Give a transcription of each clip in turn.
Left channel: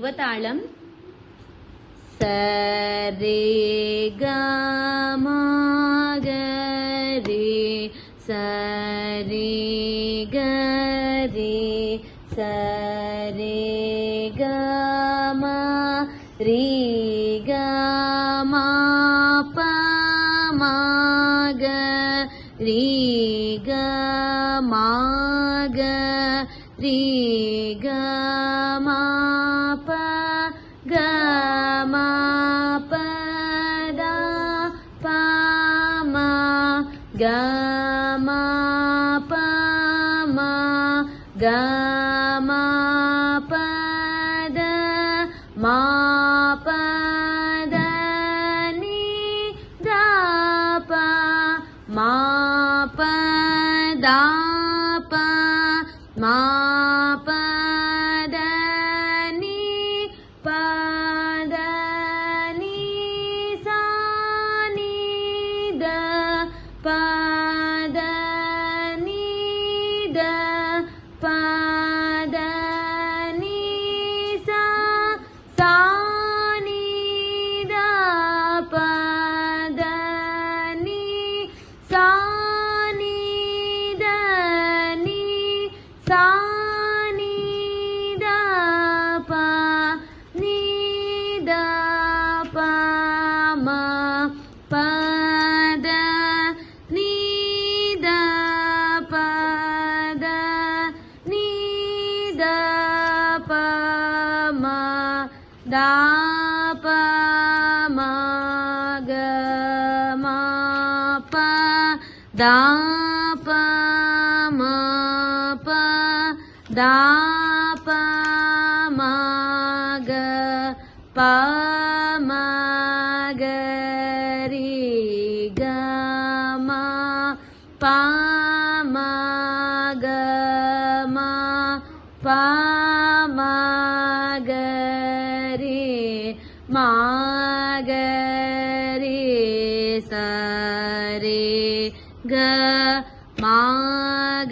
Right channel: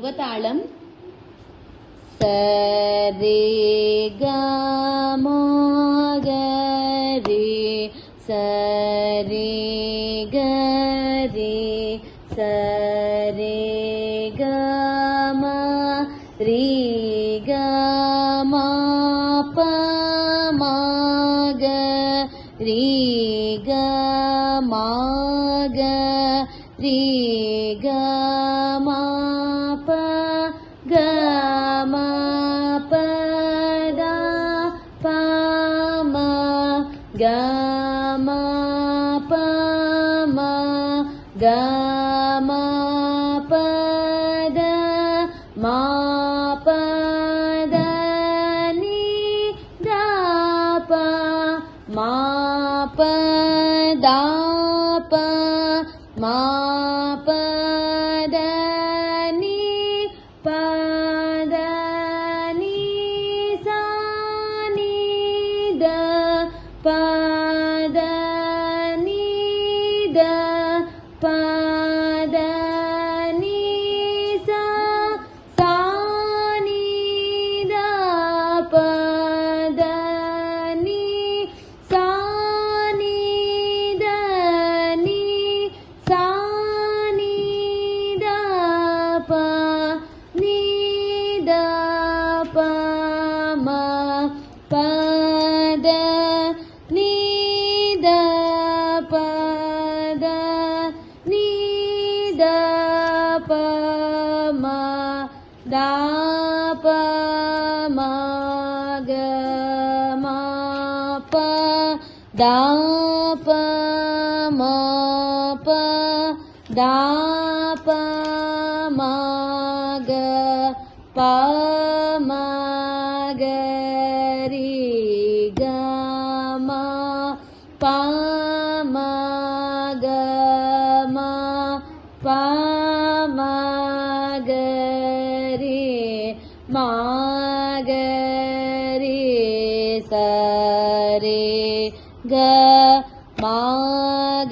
துருவத்தாளம் சரே கமகரே சரே கரே சரே கம ரீ கம பமக ரீ கமக ரீ கம ப கம பத பம கம பம கம பத மா பத நீ த ப மா பத ப மா பத நீ பத நீ சா நீ த பத நீ த பத நீ சா சா நீ த பத நீ சா நீ த நீ சா நீ த ப நீ த ப ம பத நீ த பத நீ த ப ம த ப ம க ம ப த ப ம ப த ப ம க ப ம க ரீ க ம ப ம க ம ப ம க ரீ மா க ரீ ச ரே க மா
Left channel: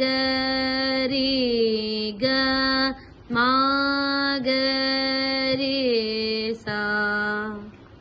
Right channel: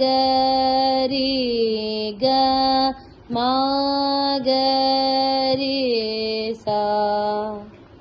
க ரீ க மா க ரீ சா